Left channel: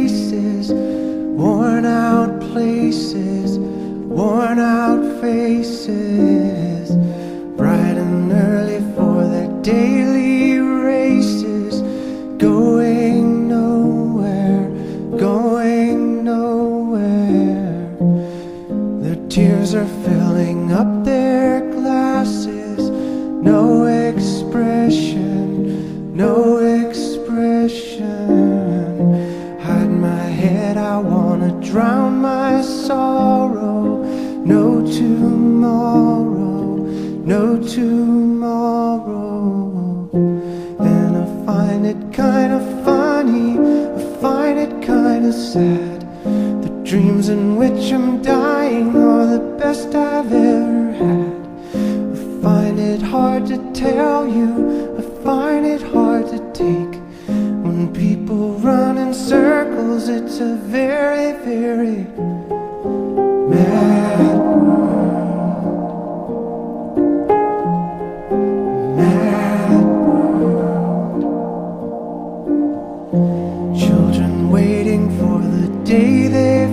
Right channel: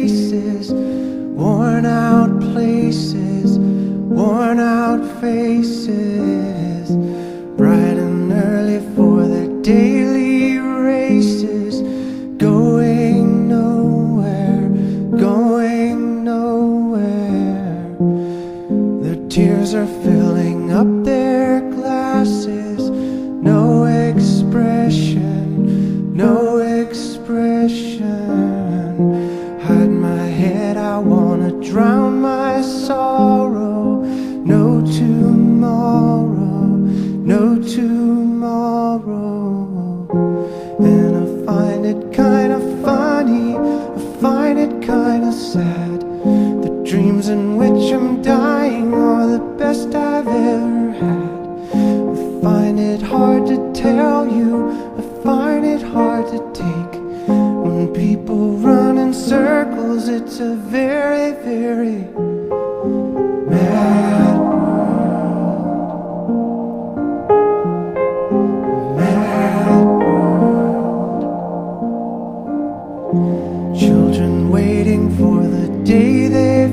faces, worn out places, worn out faces, bright and early for their daily races, going nowhere, going nowhere. Their tears are filling up their glasses, no expression, no expression. Hide my head, I wanna drown my sorrow. No tomorrow, no tomorrow. And I find it kinda funny, I find it kinda sad. The dreams in which I'm dying are the best I've ever had. I find it hard to tell you, I find it hard to take. When people run in circles, it's a very, very mad world. Mad world. Children waiting for the day they